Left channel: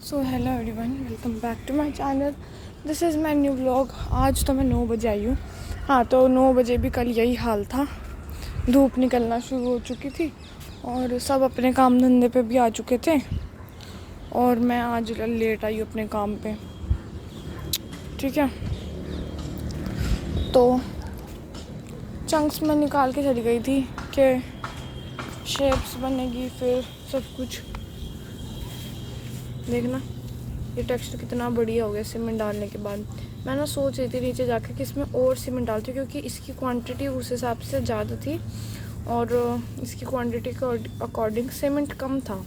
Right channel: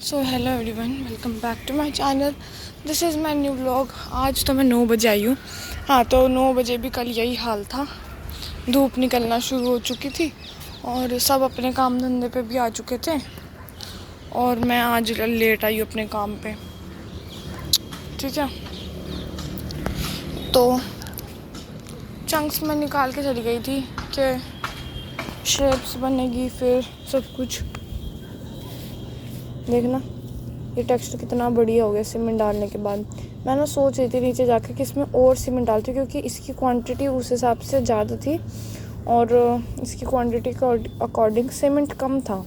So hello everyone, welcome back to my channel. This is my new vlog. आज तो मैं 9 बजे आई हूँ। हाँ, तो 9 बजे भी कल यही हाल था। धूप निकलना शुरू हो चुकी थी और सब अपने काम धंधे पे भी आ चुके थे और मैं आज लेट आई अपने काम पे। ठीक है, तो चंक्स में निकाल के चली गई थी कि शेप्स बनेगी, फिर सब कुछ। देखना ये टेक्सचर कितना बढ़िया हो गया सीमेंट डालने के बाद। मैं ना सोच रही थी नीचे जाके कि इसमें और सीमेंट डालती हूँ, क्योंकि इसकी क्वांटिटी उस हिसाब से ज़्यादा थी और इसकी क्वांटिटी के अकॉर्डिंग सीमेंट कम था।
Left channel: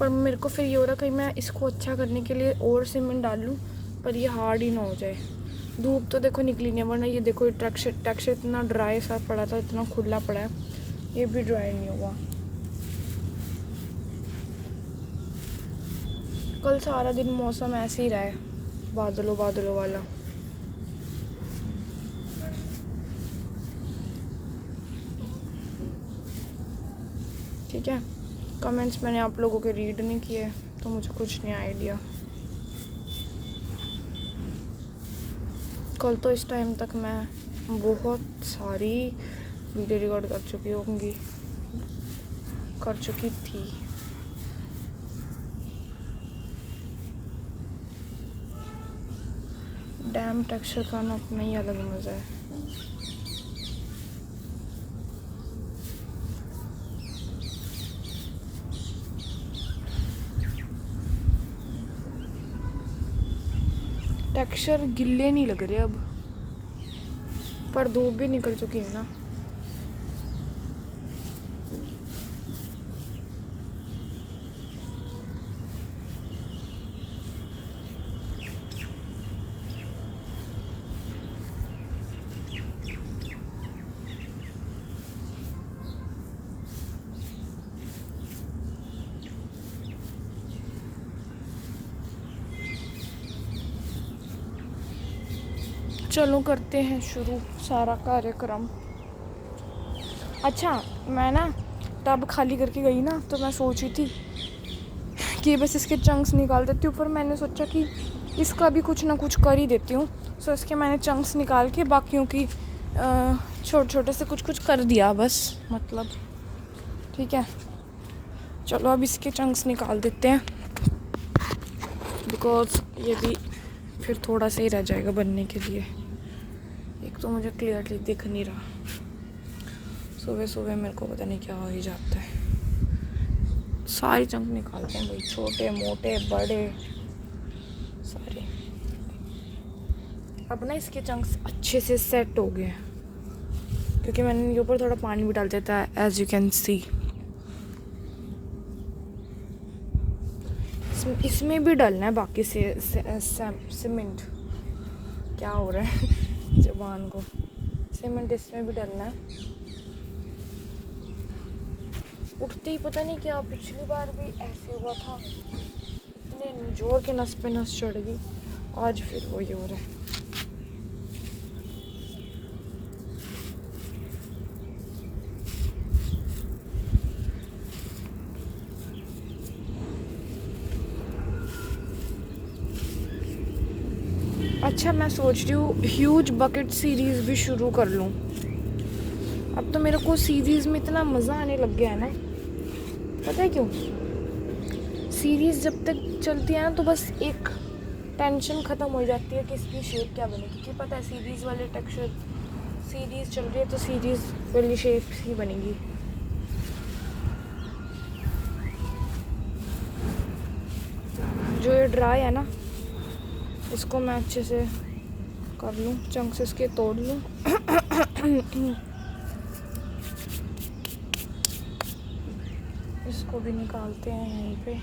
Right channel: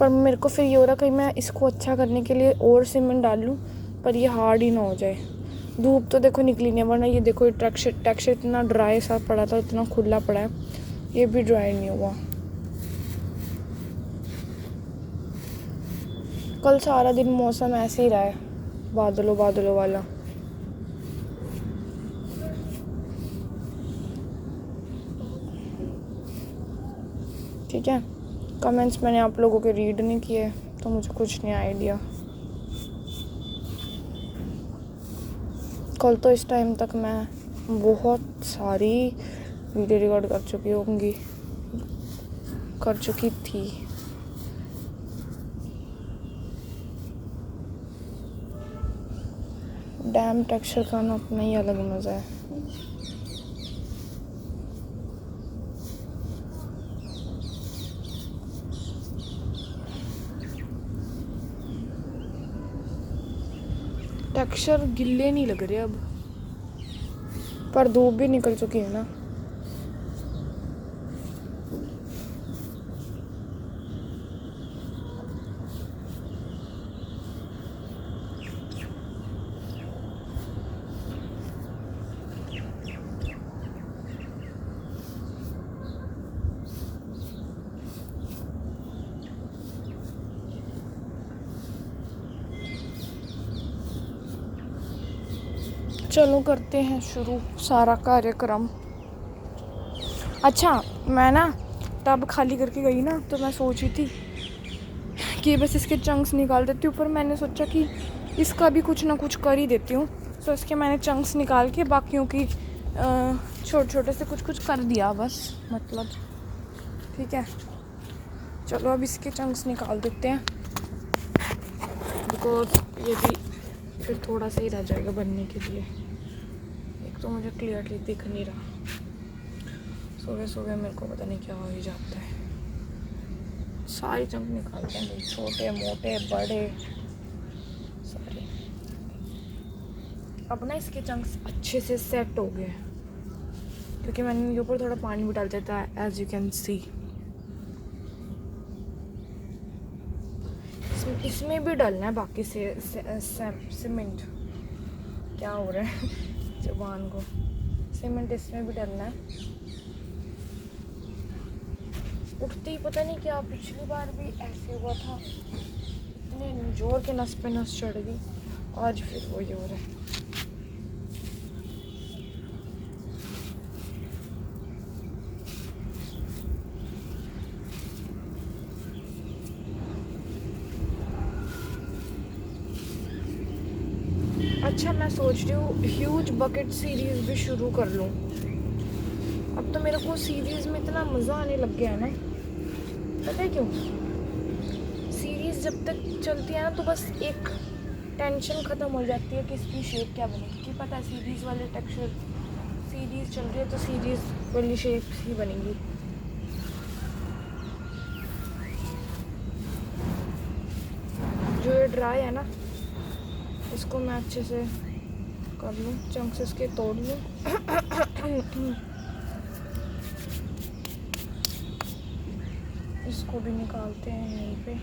पर मेरे को फिर ये हो रहा कहीं मैं इसको अच्छा करने के लिए और सीमेंट डाल लूँ, पर ये हार्ड ही ना हो जाए। धूप तो देखो निकली नहीं, वरना ये देखो टेक्सचर इतना ड्राई सा पड़ा था, इतना खुला पड़ा है, ये भी ड्राई नहीं हुआ। कल सारा दिन मौसम ऐसे ही रहा है, बादलों बादलों वाला। ठीक है, कमेंट्स मैंने आप लोगों के रीड नहीं किए तो मुझे कुछ नहीं आइडिया। कल तो इस टाइम तक मैं बहुत सारी वीडियो रिकॉर्ड कर चुकी थी। डैम टेक्सचर का ना अपना ही अलग मज़ा है। टेक्सचर गिल्ले नहीं लग रहे अब, पर धूप भी निकल चुकी है ना। चलो करते हैं शुरू सारा कार्यक्रम। अच्छा, मैं ना टब खाली करके गई ना, तो मैं सोची थी कि बस इसके चंक्स निकाल देती हूँ, पर मैंने सोचा कि इसका भी कुछ ना कुछ कर ही देती हूँ। तो इसके मैंने चंक्स निकाल के बाकियों की छोटे छोटे से कुछ कुछ कर दिया बस, मतलब। ठीक है, चलो अब इसके चंक्स निकाल देते हैं, बिकॉज ये भी फिर थोड़ा सा ही रह जाएगा बनने के लिए। एक तो मुझे क्लियरली दिख नहीं रहा, सुबह सुबह मेरे को पता नहीं क्या हो ही जाता है। सारे चंक निकालते हैं, छोटे मोटे बड़े सारे। अब ना इसके चंक्स अच्छे से सेट हो गए, क्योंकि मैंने इनके ऊपर थोड़ा पानी भी डाल देता है, एज यू कैन सी। इसमें भी डालना है बाकी सीमेंट। क्या हो रहा है जबान को। सीमेंट इसमें भी डालना है। उठते ही पता नहीं क्या, पिछली बार भी ऐसे हुआ था, इतने जोर के नस पे नस चढ़ गई। आज फिर वही हो रहा है। अच्छा, मैं सोच रही हूँ ह्यूज बकेट सीरीज भी शुरू कर लूँ। अब तो मेरे को सीरीज में इतना मज़ा आने लग गया है ना, पता है क्यों? सीरीज जब तक चलती है ना, तो बस एक टेंशन ख़त्म हो जाती है कि इसकी शेप क्या बनेगी। क्योंकि पता है सीरीज वाले टेक्सचर, सीरीज चल रही है तो सीरीज वाली शेप ही बनेगी। जो ये ड्राई है ना, इसको मैं अच्छे से कर लूँ, चंक्स इसके तोड़ लूँ। इसको भी निकालते हैं यहीं पे।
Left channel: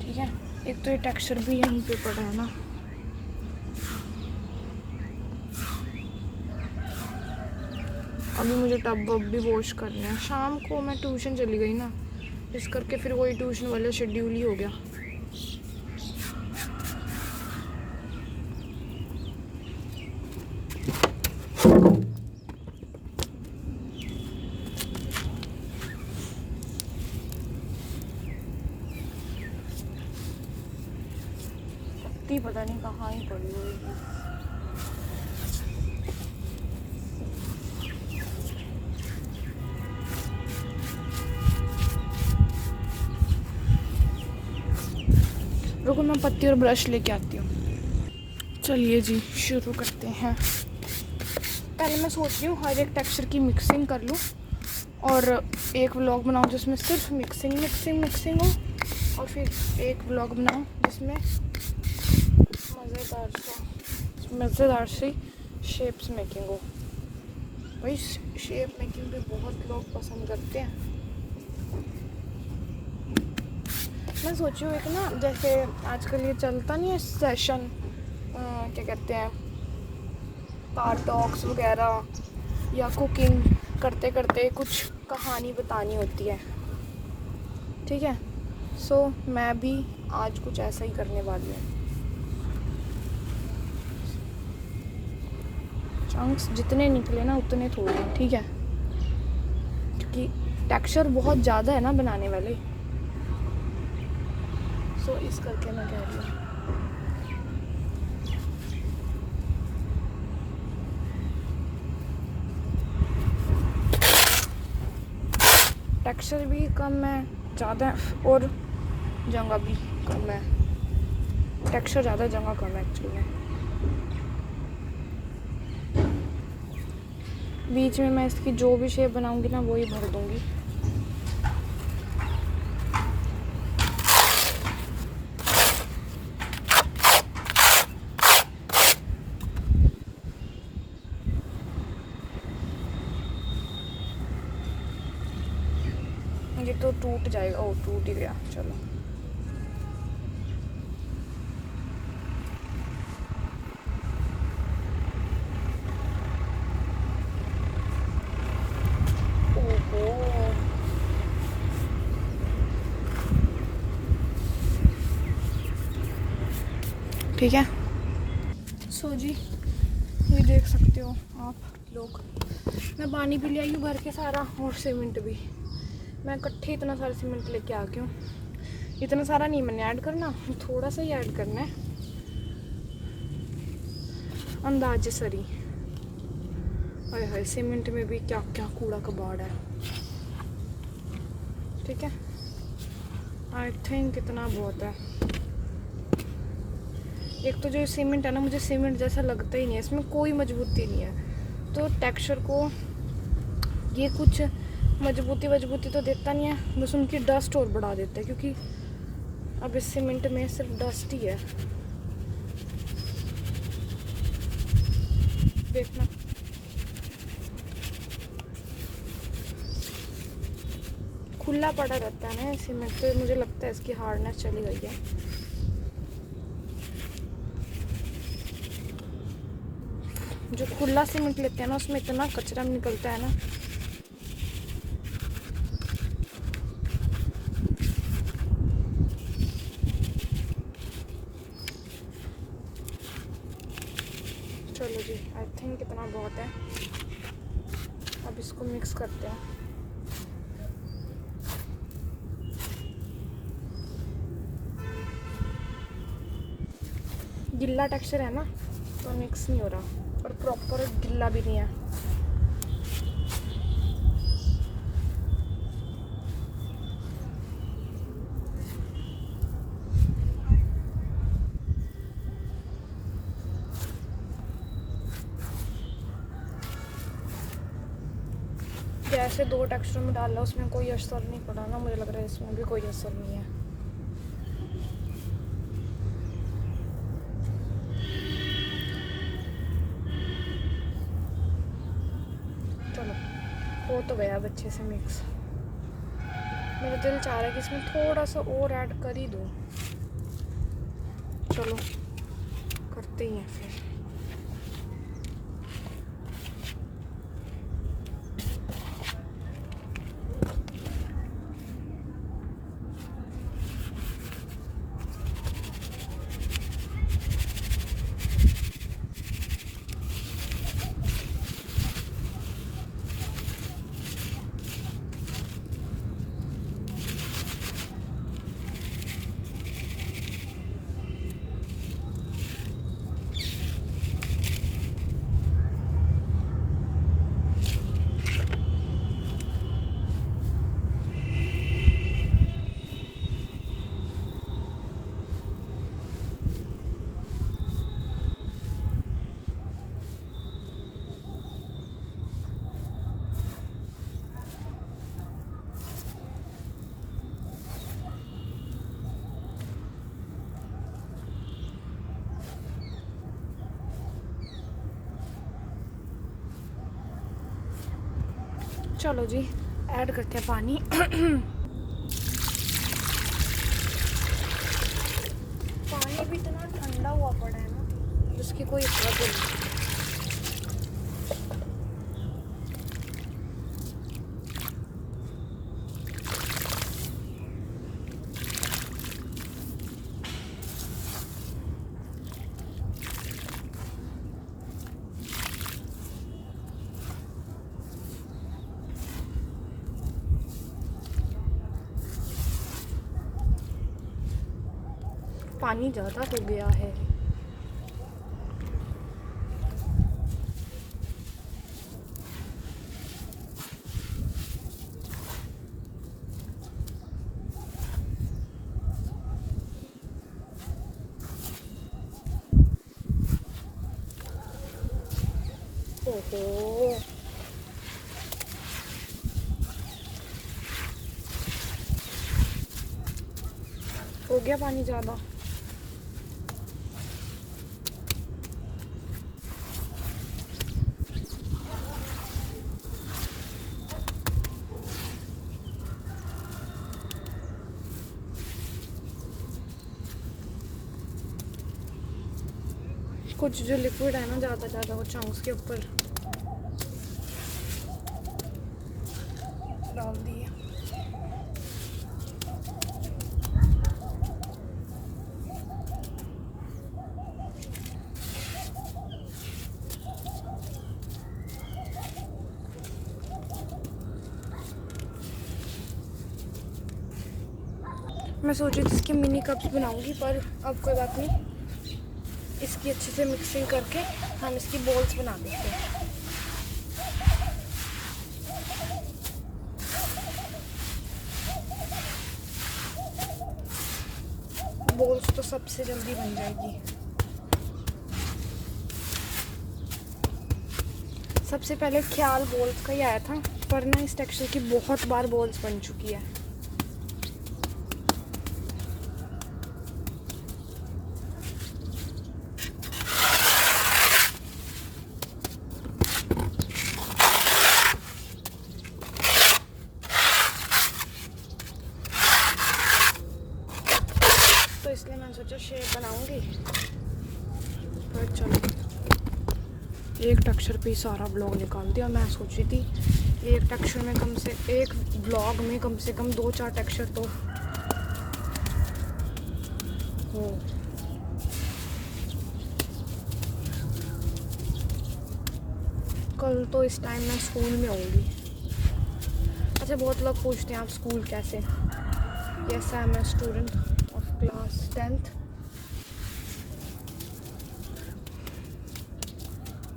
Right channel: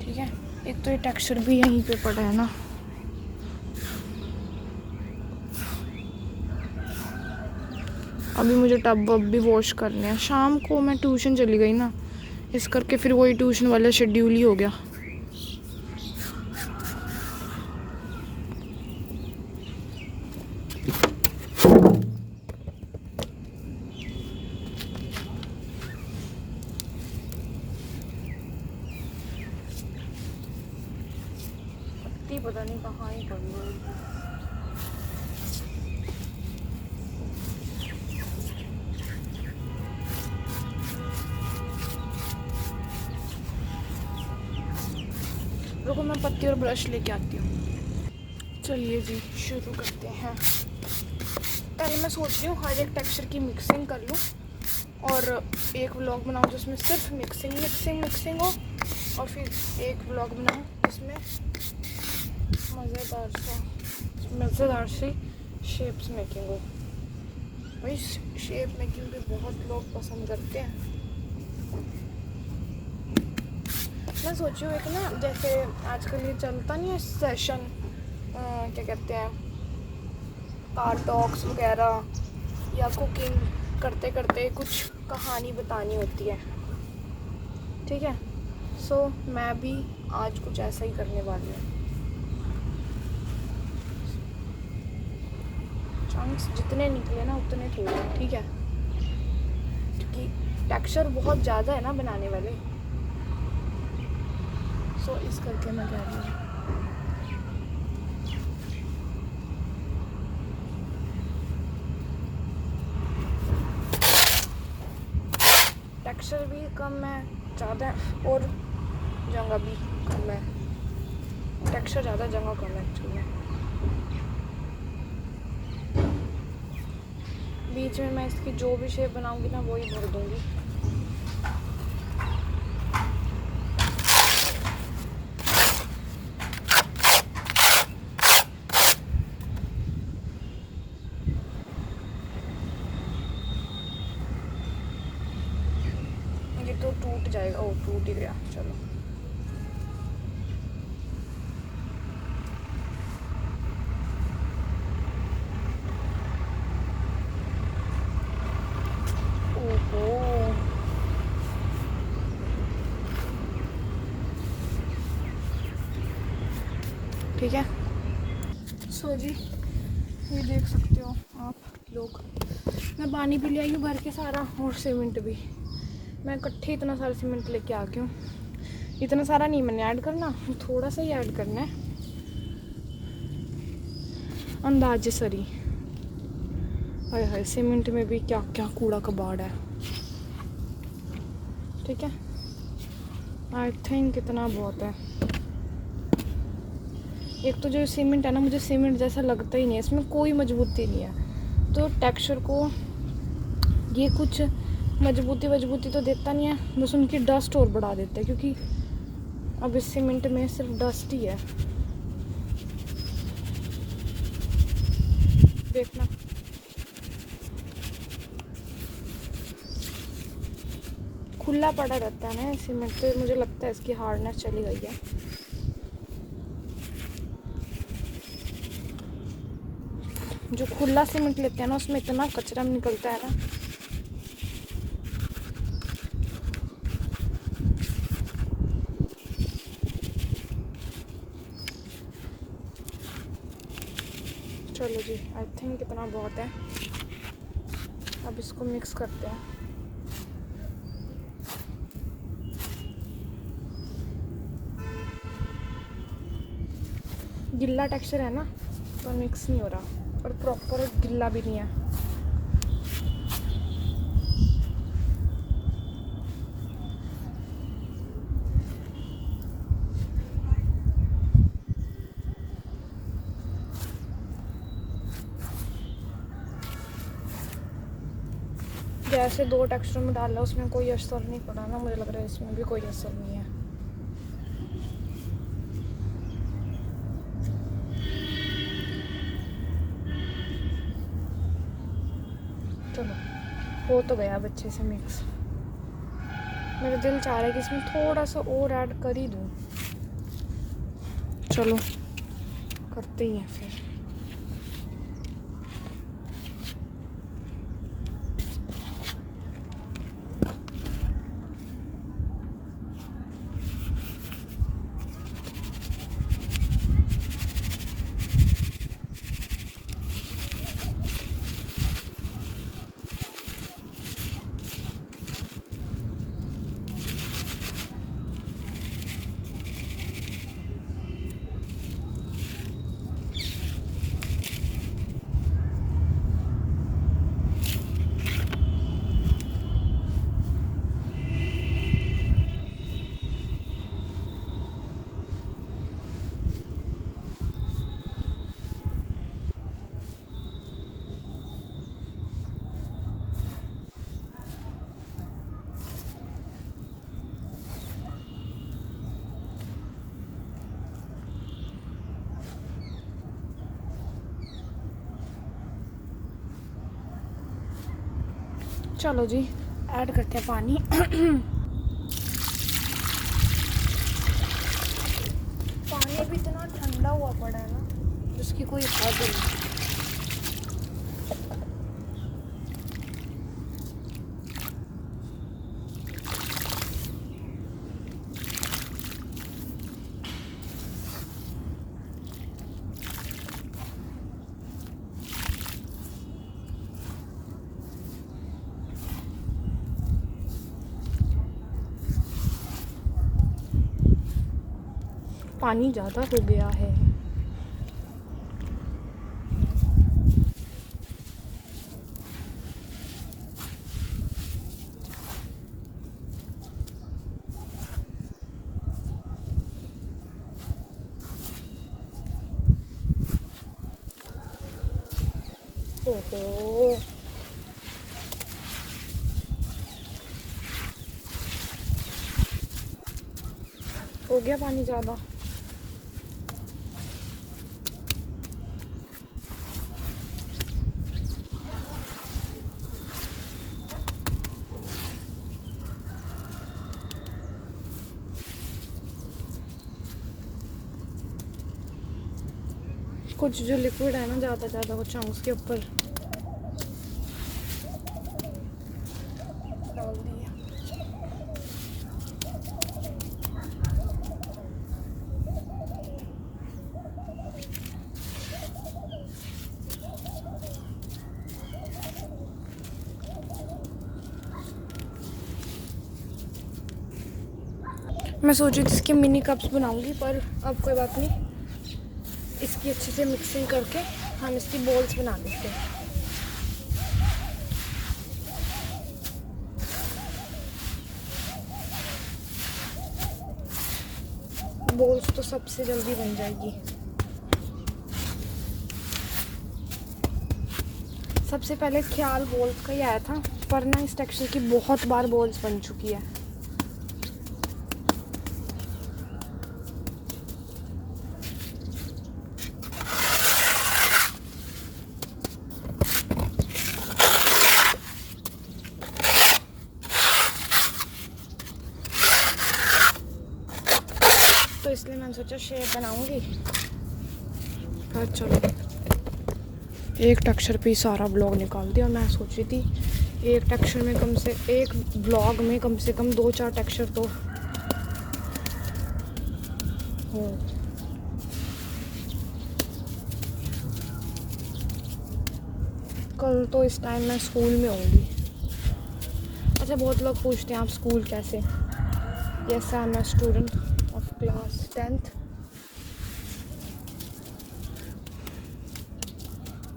ठीक है, एक तो ये टेक्सचर भी यहीं पे पड़ा है ना। अभी मुझे टब अब भी वॉश करने हैं। शाम को मैं ट्यूशन चली गई ना, इस करके फिर वही ट्यूशन वाला शेड्यूल ही हो गया। मिट्टी पता नहीं कहाँ ही पड़ी हुई है। रुको मैं पत्ती और ब्रश लेके आती हूँ। चलिए जी शुरू करते हैं। पहले मैं सोच रही हूँ हर एक टेक्सचर की मिक्सिंग कर लूँ और एक व्लॉग बनाऊँ जिसमें सिर्फ मिक्सिंग हो, और फिर एक व्लॉग बनाऊँ जिसमें मज़ेदार सी शेप्स मेकिंग हो। भाई शेप मेकिंग भी बहुत लोग पसंद करते हैं। मैं सोची हूँ एक ना, जैसे आजकल ये चलता नहीं है सेशन, क्या कहते हैं, कार टॉक्स वगैरह, या कुकिंग करते करते कुछ कहानी बतानी होती है, ठीक है। सो मैं भी आज कुछ ऐसा ही करने वाली हूँ। चंक्स जितने निकले ना उतने थोड़े, ठीक है, क्योंकि टेक्सचर बहुत ज़्यादा है ना बनाने वाले। सो इस करके मैं कह रही हूँ। टेक्सचर भी कम है, ज़्यादा, और जगह भी कम है। टेक्सचर ज़्यादा, जगह कम है एक्चुअली में। बीच में मैं इसकी जो भी शेप बनाऊंगी ना वही भर दूंगी। ये तो टूट जाएगा। ओ टूट ही गया। चलो ओहो, ठीक है। सो जी ये देख सकते हो आप लोग, मैं पानी भी ले आई हूँ भर के सारा, और सीमेंट भी। मैं इकट्ठे इतना सारा सीमेंट लेके आ गई हूँ। इतना सारा नहीं मैंने ऐड करना, थोड़ा सा ही ऐड करना है, अंदाजे सरी। हाय हाय, सीमेंट में भी क्या क्या कूड़ा कबाड़ है, ठीक है। आई थिंक इतना बहुत है। एक तो जो सीमेंट है ना, मुझे सीमेंट जैसा लगता ही नहीं है, इसमें कोई मजबूती नहीं है। तो टेक्सचर को ये कुछ मजबूती तो देता नहीं है, बस उनकी डस्ट और बढ़ा देता है, क्योंकि अब इस सीमेंट में सिर्फ डस्ट ही है। देखना खुला पड़ा रहता है ना सीमेंट, तो मुझे लगता है इसकी हार्डनेस चली गई है। जो खुला सीमेंट लेते हैं ना उसमें इतना कचरा निकलता है ना। चलो जी आई थिंक इतना बहुत है। अब इसको मिक्स करते हैं। गिल्ला टेक्सचर है ना तो मिक्स नहीं हो रहा, और प्रॉपर गिल्ला भी नहीं है। जैसे 2 टेक्सचर में डाला उसमें कोई असर नहीं पड़ा ना, मुझे लग रहा है इसमें भी कोई असर नहीं है। चलो हो तो गया अब अच्छे से मिक्स। मेरा दिल चाह रहा है कि इसमें थोड़ा सा और ऐड कर ही दूँ। चलो करते ही हैं फिर। चलो जी ऐड करते हैं पानी। पानी भी इतना ठंडा हुआ पड़ा है ना जिसकी कोई हद नहीं। पानी ज़्यादा हो गया है। ओहो, हो गया पानी ज़्यादा। कुछ जो लिक्विड है ना ज़्यादा वो चंक्स के ऊपर डाल दिए। मैं सोची थी इसके मिनी कप्स बनाऊंगी पर अब कोई बात नहीं, इसकी अच्छे से मिक्सिंग करके हम इसकी बॉल्स बना देते हैं। बॉल्स तो सबसे जल्दी बन जाएगी। सबसे पहले ख्याल बॉल्स का ही आया था पर ना इस टेक्सचर की बहुत बार बॉल्स बन चुकी है। तो इसलिए मैंने सोचा शेप बनाऊंगी। पर चलो एक टेक्सचर पे सारा ब्लॉग निकाल दिया। मैं सोच रही थी एक टेक्सचर में एक ब्लॉग में कम से कम 2-4 टेक्सचर तो हो। कल तो इस टाइम मैं स्कूल में होंगी। अच्छा, बहुत लोग पूछते हैं आप स्कूल कैसे। Yes, I am a student of class 10th।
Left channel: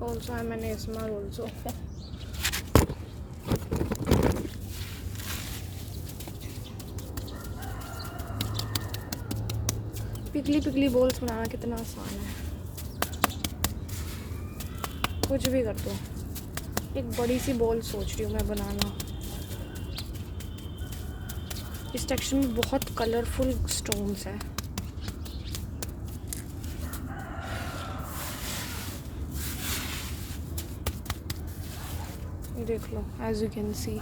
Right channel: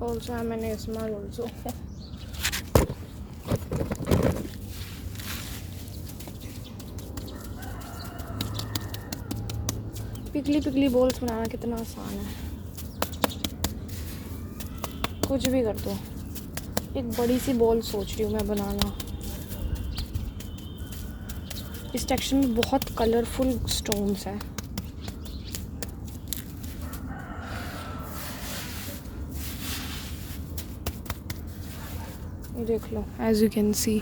Also I'm an ASMR also। पिघली बॉल्स बनाना कितना आसान है, कुछ भी कर दो। एक बड़ी सी बॉल सोच रही हूँ मैं बनाना। इस टेक्सचर में बहुत कलरफुल स्टोन्स है। देख लो, एज यू कैन सी।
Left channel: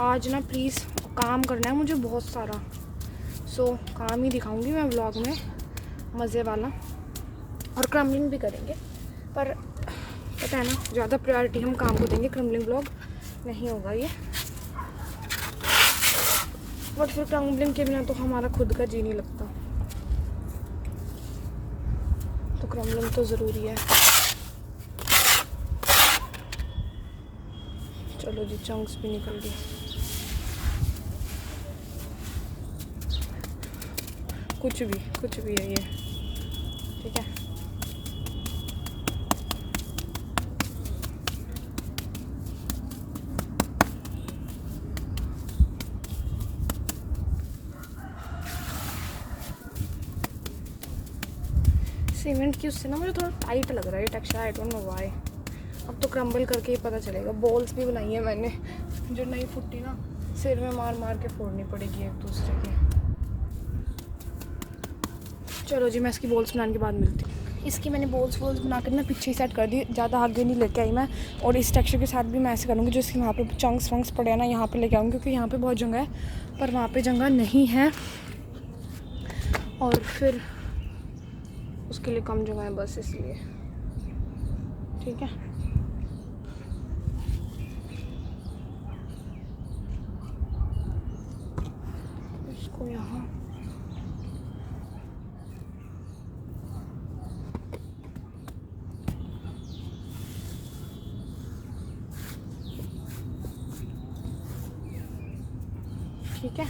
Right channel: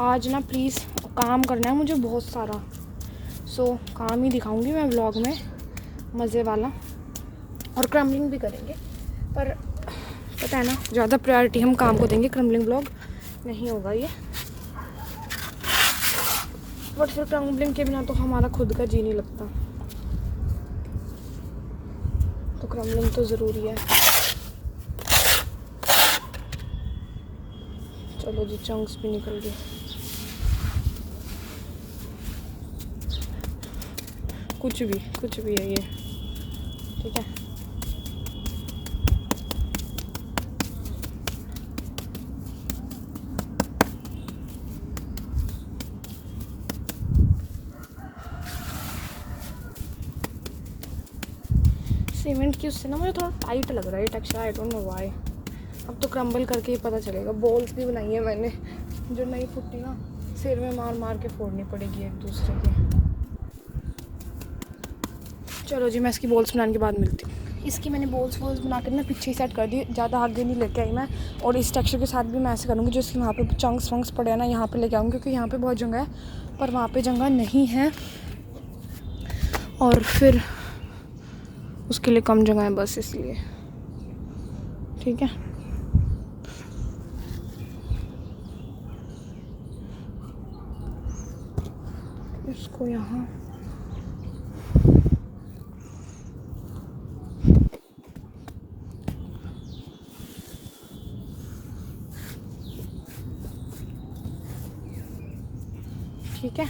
आज ना प्लीज़ काम करना है मुझे बहुत सारा, सो काम ही दिखाऊंगी मैं व्लॉग में, मज़े वाला। और क्रम्बलिंग भी करेंगे पर पता है ना ज़्यादा प्रायोरिटी हम काम को देंगे, क्रम्बलिंग व्लॉग नहीं होगा ये। बट फिर क्रम्बलिंग के बिना तो हमारा खुद का जी नहीं लगता, तो क्रम्बलिंग तो ज़रूरी है। चलो जी, चंक्स भी निकल गए। कुछ भी है ये, ठीक है। सीमेंट की उससे ना मुझे थोड़ा टाइट लग रहा है texture, I don't know why. अब तो क्रम्बल करके ही पता चलेगा। बॉल्स भी बनाई है मैंने, जो नहीं फुटी ना सिर में मार मार के फोड़नी पड़ेगी एक दूसरे के। चलो जी, मैं इसकी बॉल्स बनाने के बाद मिलती हूँ। इसकी मैंने बॉल्स बनाकर ना पीछे ही सेट कर दी, ज़्यादा आगे नहीं लेके आई मैं। और इस टेक्सचर के साथ भी मैं ऐसे करूँगी, जो इसकी वहाँ पे चंक्स वंक्स पड़े हैं ना, यहाँ पे लेके आऊँगी, क्योंकि यहाँ पे बहुत जगह है पर वहाँ पे जगह नहीं है, और फिर उसके लिए कम जगह है बस, इसलिए। ठीक है, इसको यहाँ ठीक है।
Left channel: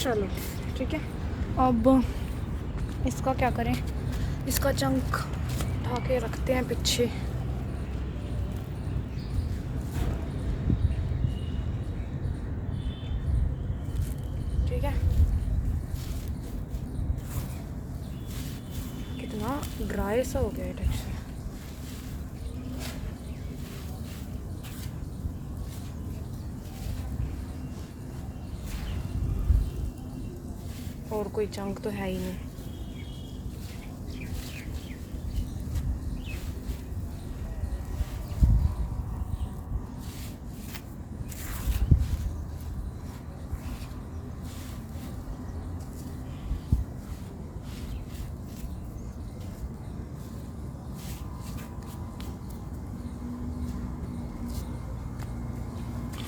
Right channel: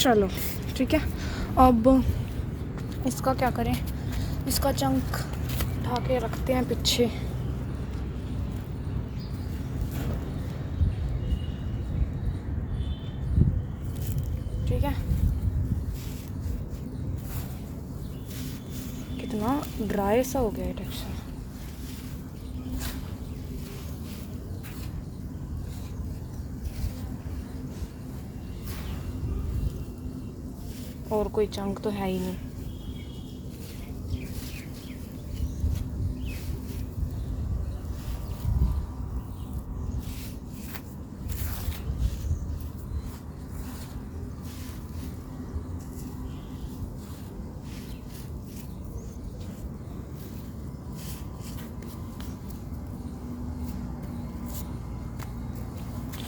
चलो ठीक है, अब इसका क्या करें, इसका चंक उठा के रखते हैं पीछे। ठीक है, कितना ड्राई सा हो गया है टेक्सचर। और कोई चंक तो है ही नहीं।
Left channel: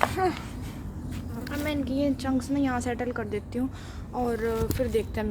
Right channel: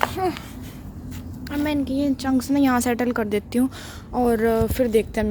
हाँ, मैं इनकी ये चंक्स ना यहाँ सेटल कर देती हूँ, और फिर देखते हैं।